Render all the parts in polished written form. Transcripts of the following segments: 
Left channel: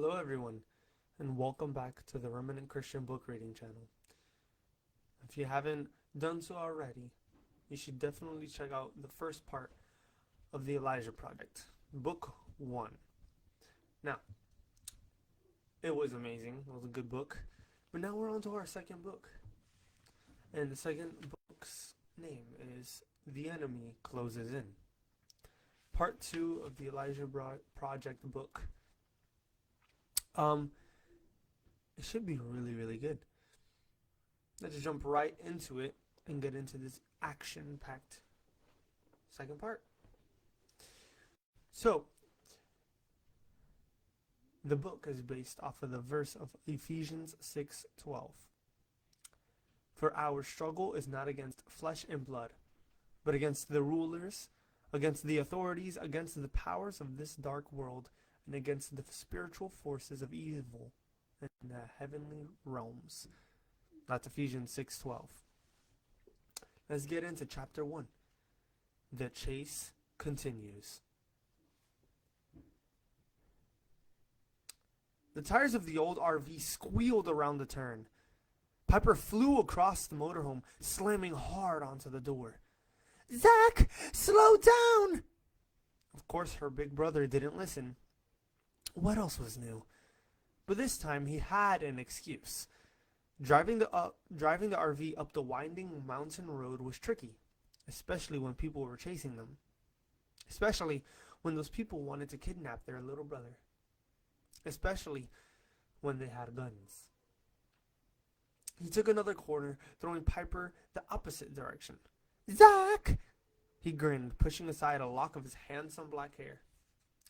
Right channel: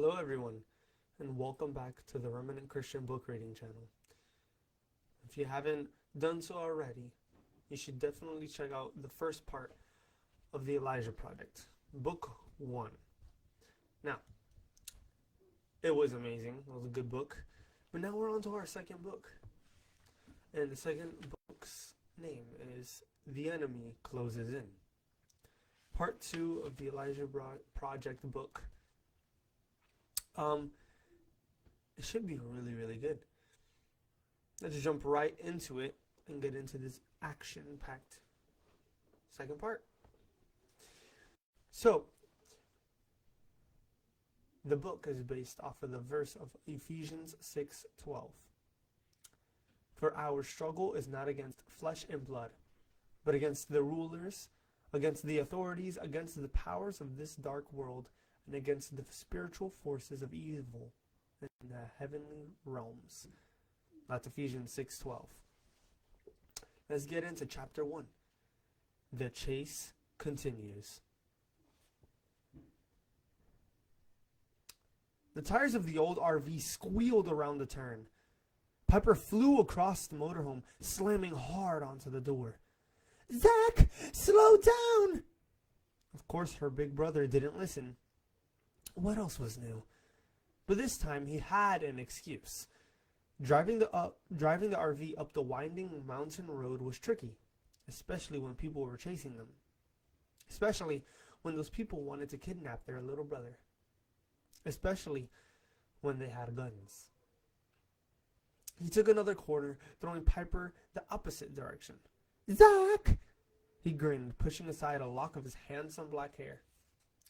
Hello, everyone, and welcome back to the Remnant Christian Book Reading channel. If you haven't done so already, you should definitely check out the first part of the Elijah Project, Book 1. Now, it was amazing, it was a good book, but now we're on to our second book. And the second book's name is The Enemy Closes In. Part 2 of the Elijah Project book. Um, it should be really, really good. Let's jump right into it and get into this action-packed second part. So, the book is based off of the verse of Ephesians 6:12. For our struggle is not against flesh and blood, but against the rulers, against the authorities, against the powers of this dark world, and against the spiritual forces of evil in the heavenly realms. That's Ephesians 6:12. Let's get into chapter 1. The chase continues. The tires of the old RV squealed around the turn. Piper flew across the motorhome, slamming hard onto the door. "Zach, slow down!" Of course, her big brother didn't listen. What else was new? But this time he had an excuse. Driving the RV up the winding mountain road was tricky, especially when people were chasing them. Especially when those people wanted to kidnap their little brother. Especially when they had guns. He took another corner, throwing Piper the opposite direction. "Zach!" He grinned, pushing aside a lock of his handsome black hair.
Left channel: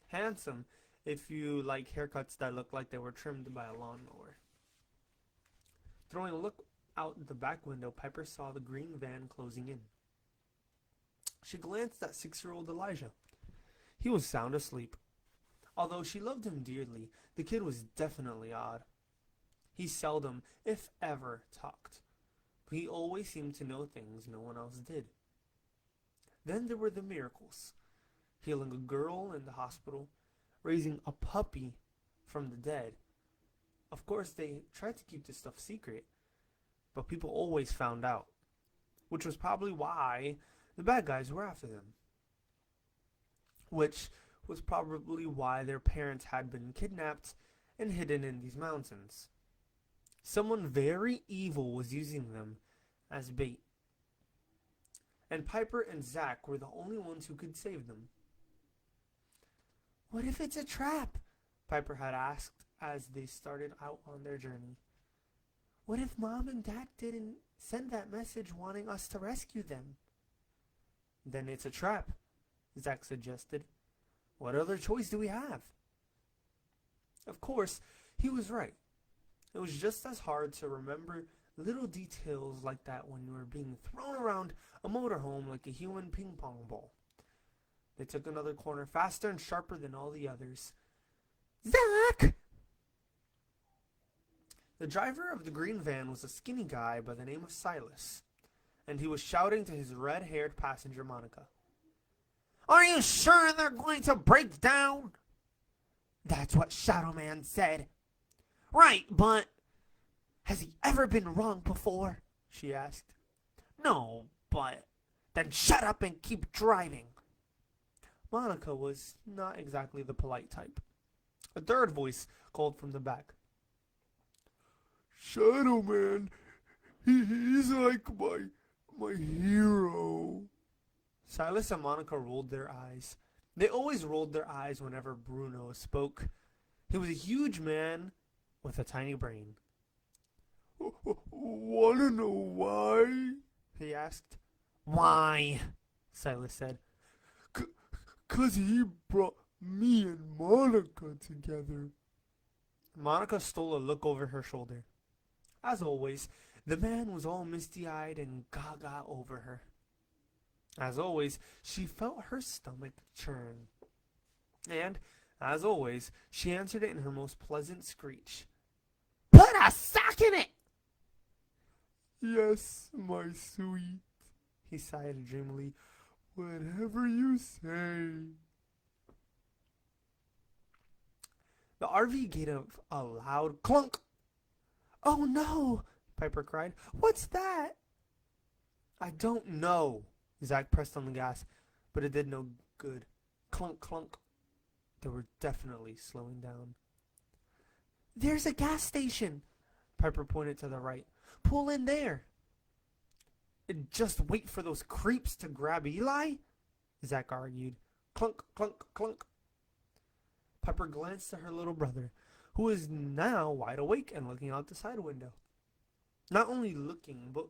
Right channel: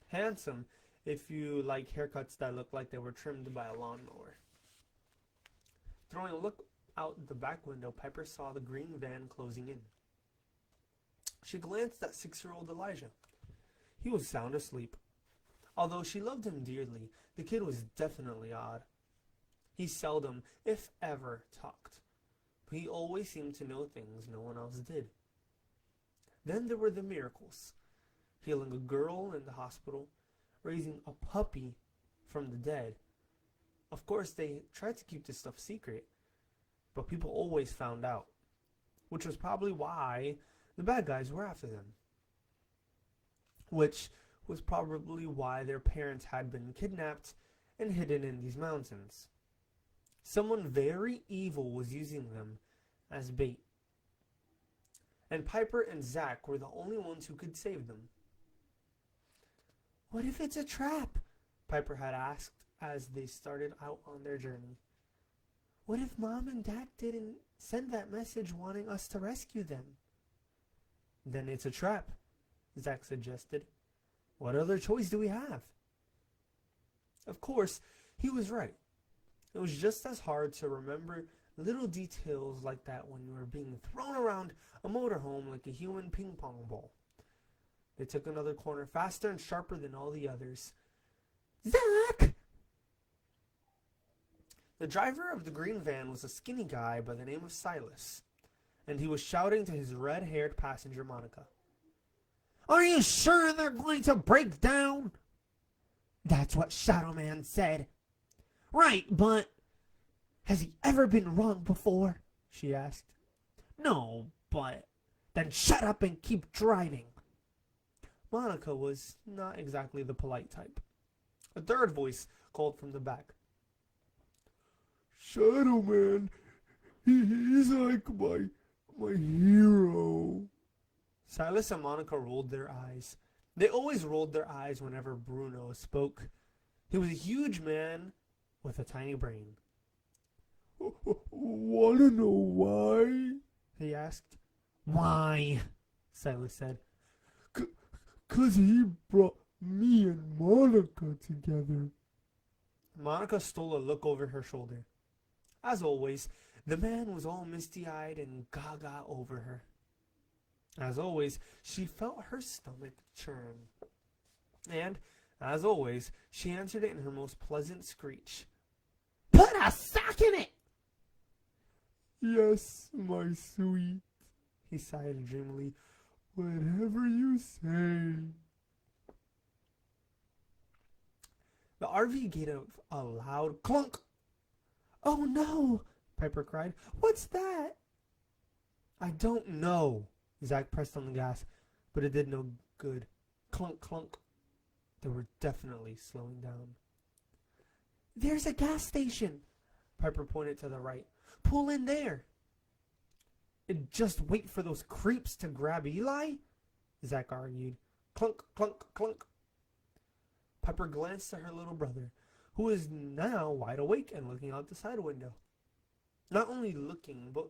Handsome if you like haircuts that look like they were trimmed by a lawnmower. Throwing a look out the back window, Piper saw the green van closing in. She glanced at 6-year-old Elijah. He was sound asleep. Although she loved him dearly, the kid was definitely odd. He seldom, if ever, talked, but he always seemed to know things no one else did. Then there were the miracles. Healing a girl in the hospital, raising a puppy from the dead. Of course, they tried to keep this stuff secret, but people always found out, which was probably why the bad guys were after them. Which was probably why their parents had been kidnapped and hidden in these mountains. Someone very evil was using them as bait. And Piper and Zach were the only ones who could save them. "What if it's a trap?" Piper had asked as they started out on their journey. "What if Mom and Dad didn't send that message wanting us to rescue them?" "Then it's a trap," Zach suggested. "What other choice do we have?" Of course, he was right. It was just as hard to remember little details like that when you were being thrown around a motorhome like a human ping pong ball. They took another corner, faster and sharper than all the others. "Zach!" The driver of the green van was a skinny guy by the name of Silas, and he was shouting to his red-haired passenger, Monica. "Are you sure they're going to break down?" "That's what Shadow Man said." "Right, but has he ever been wrong before?" she asked. "No, but then shut up and keep driving." Monica was not exactly the polite type. A third voice called from the back. "Shadow Man, he's like my hero." Silas and Monica rolled their eyes. They always rolled their eyes whenever Bruno spoke. He was a huge man with a tiny brain. "Wanna know why?" he asked. "Why?" Silas said. "'Cause he brought me and Monica together." Monica stole a look over her shoulder. As always, the man was all misty-eyed and gaga over her. As always, she felt her stomach churn. And, as always, she answered it in her most pleasant screech. "Put a sock in it!" "Yes, my sweet," he sighed dreamily. "Whatever you say." The RV gave a loud clunk. "Oh no!" Piper cried. "What's that?" "I don't know." Zach pressed on the gas, but it did no good. Clunk, clunk. They were definitely slowing down. "There's a gas station." Piper pointed to the right. "Pull in there." "Just wait for those creeps to grab Eli?" Zach argued. Clunk, clunk, clunk. Piper glanced at her little brother, who was now wide awake and looking out the side window. Not only looking, but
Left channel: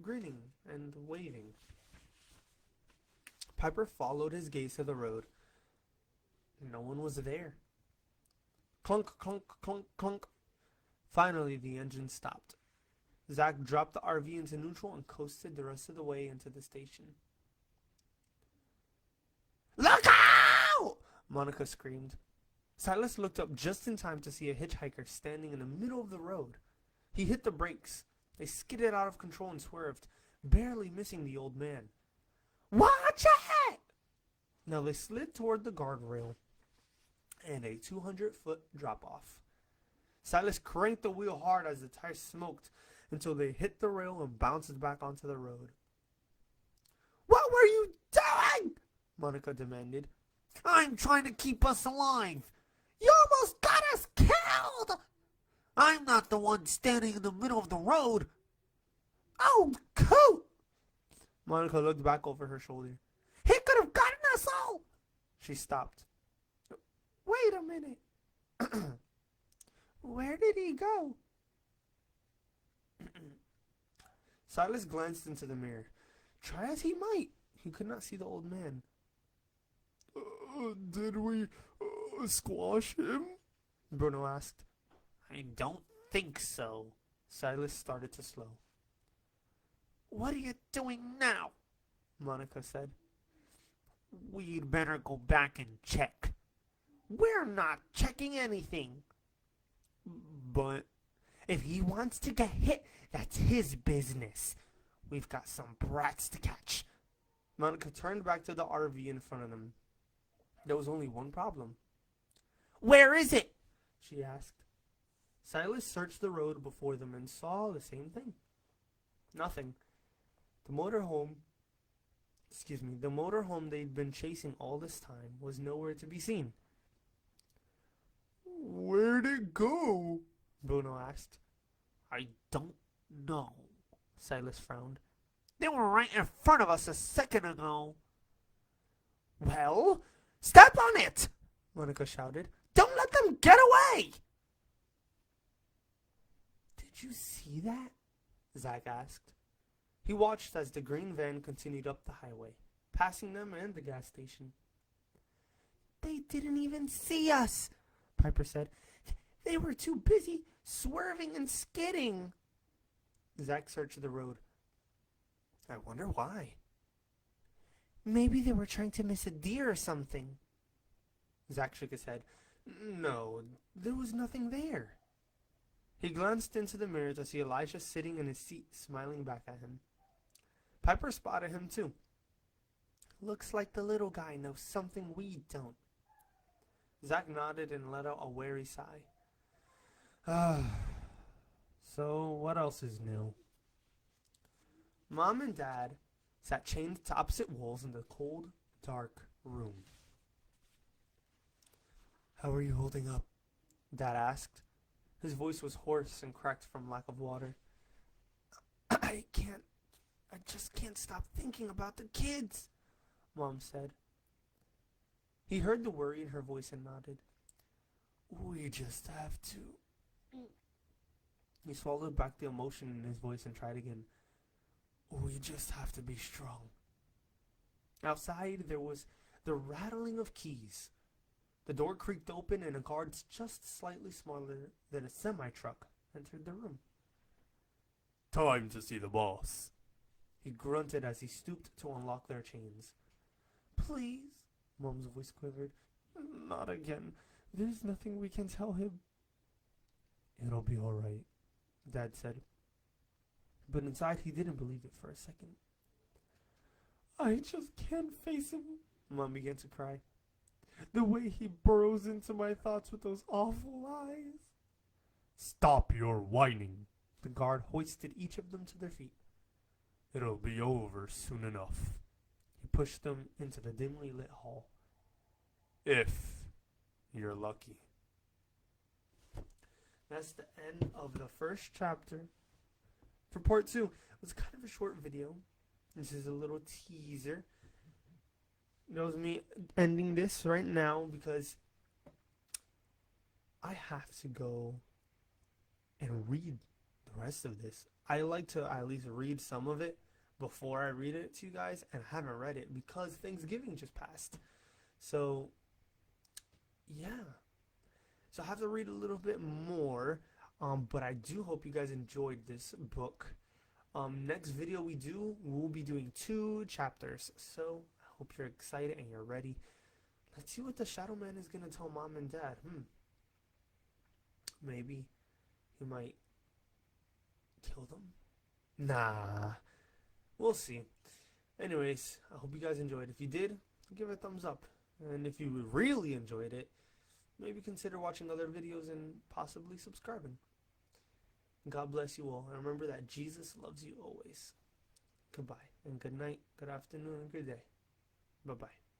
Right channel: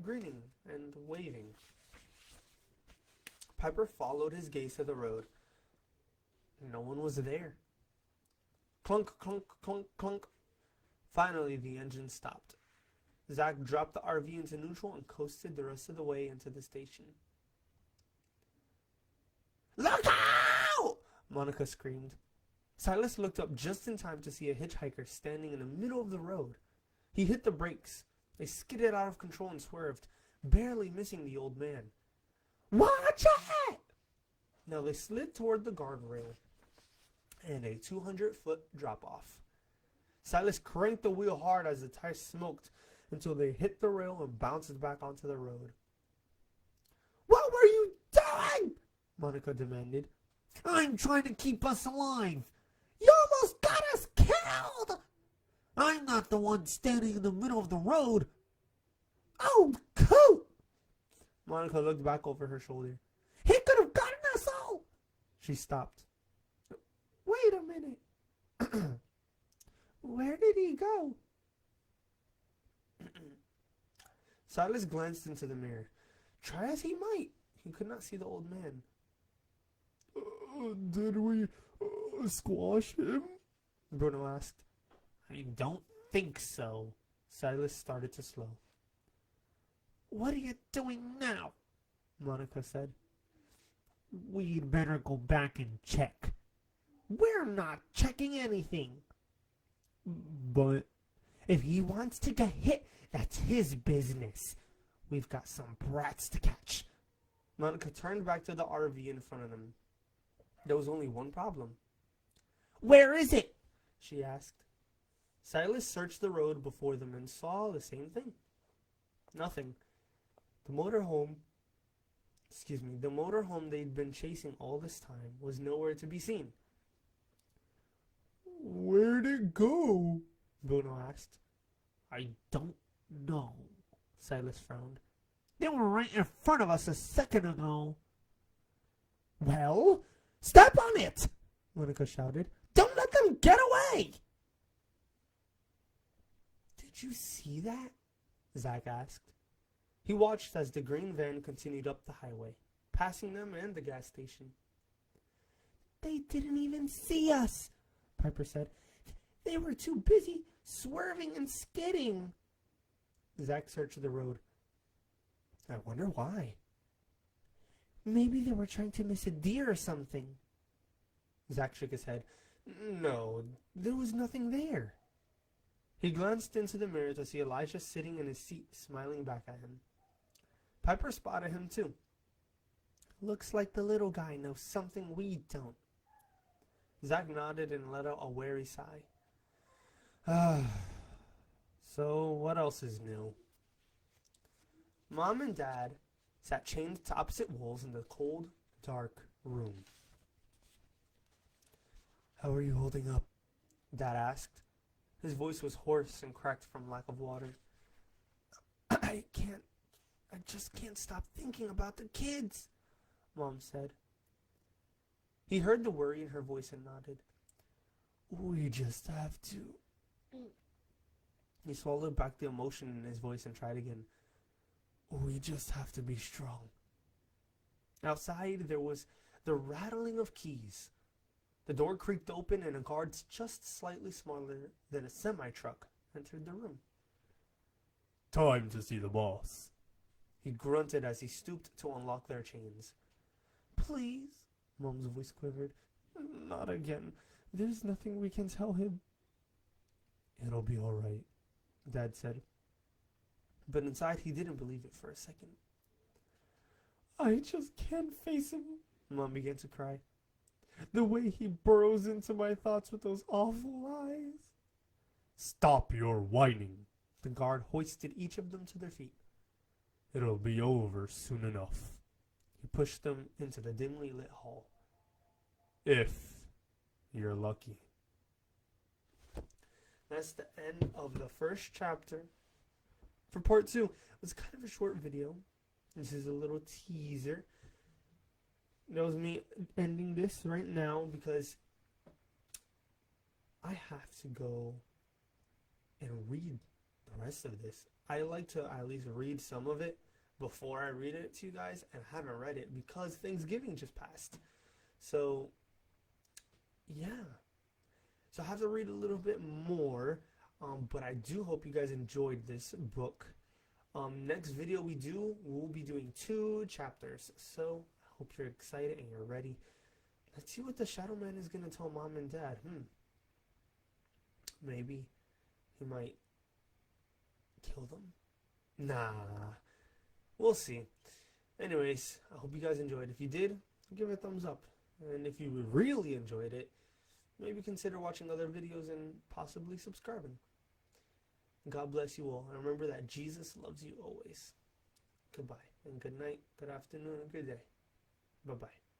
grinning and waving. Piper followed his gaze to the road. No one was there. Clunk, clunk, clunk, clunk. Finally, the engine stopped. Zach dropped the RV into neutral and coasted the rest of the way into the station. "Look out!" Monica screamed. Silas looked up just in time to see a hitchhiker standing in the middle of the road. He hit the brakes. They skidded out of control and swerved, barely missing the old man. "Watch it!" Now they slid toward the guardrail and a 200-foot drop-off. Silas cranked the wheel hard as the tires smoked until they hit the rail and bounced back onto the road. "What were you doing?" Monica demanded. "I'm trying to keep us alive." "You almost got us killed." "I'm not the one standing in the middle of the road." "Oh, cool." Monica looked back over her shoulder. "He could have gotten us all." She stopped. "Wait a minute. Where did he go?" Silas glanced into the mirror. Try as he might, he could not see the old man. "Did we squash him?" Bruno asked. "I don't think so." Silas started to slow. "What are you doing now?" Monica said. "We'd better go back and check." "We're not checking anything." "But if he wants to get hit, that's his business. We've got some brats to catch." Monica turned back to the RV in front of them. There was only one problem. "Where is it?" she asked. Silas searched the road before them and saw the same thing. Nothing. The motorhome they'd been chasing all this time was nowhere to be seen. "Where'd it go?" Bruno asked. "I don't know." Silas frowned. "They were right in front of us a second ago." "Well, step on it!" Monica shouted. "Don't let them get away!" "Did you see that?" Zach asked. He watched as the green van continued up the highway, passing them and the gas station. "They didn't even see us," Piper said. "They were too busy swerving and skidding." Zach searched the road. "I wonder why." "Maybe they were trying to miss a deer or something." Zach shook his head. "No, there was nothing there." He glanced into the mirror to see Elijah sitting in his seat, smiling back at him. Piper spotted him too. "Looks like the little guy knows something we don't." Zach nodded and let out a weary sigh. So what else is new?" Mom and Dad sat chained to opposite walls in the cold, dark room. "How are you holding up?" Dad asked. His voice was hoarse and cracked from lack of water. I just can't stop thinking about the kids," Mom said. He heard the worry in her voice and nodded. "We just have to..." He swallowed back the emotion in his voice and tried again. "We just have to be strong." Outside, there was the rattling of keys. The door creaked open and a guard just slightly smaller than a semi-truck entered the room. "Time to see the boss," he grunted as he stooped to unlock their chains. "Please," Mom's voice quivered. "Not again. There's nothing we can tell him." "It'll be all right," Dad said. But inside he didn't believe it for a second. "I just can't face him," Mom began to cry. The way he burrows into my thoughts with those awful eyes. Stop your whining. The guard hoisted each of them to their feet. It'll be over soon enough. He pushed them into the dimly lit hall. If you're lucky. That's the end of the first chapter. For part 2, it was kind of a short video. This is a little teaser. That was me ending this right now because I have to go and read the rest of this. I like to at least read some of it before I read it to you guys, and I haven't read it because Thanksgiving just passed. So, yeah. So I have to read a little bit more, but I do hope you guys enjoyed this book. Next video we'll be doing 2 chapters. So I hope you're excited and you're ready. Let's see what the Shadow Man is going to tell Mom and Dad. Maybe he might kill them? Nah. We'll see. Anyways, I hope you guys enjoyed. If you did, give it a thumbs up. And if you really enjoyed it, maybe consider watching other videos and possibly subscribing. God bless you all. And remember that Jesus loves you always. Goodbye. And good night, good afternoon, and good day. Bye-bye.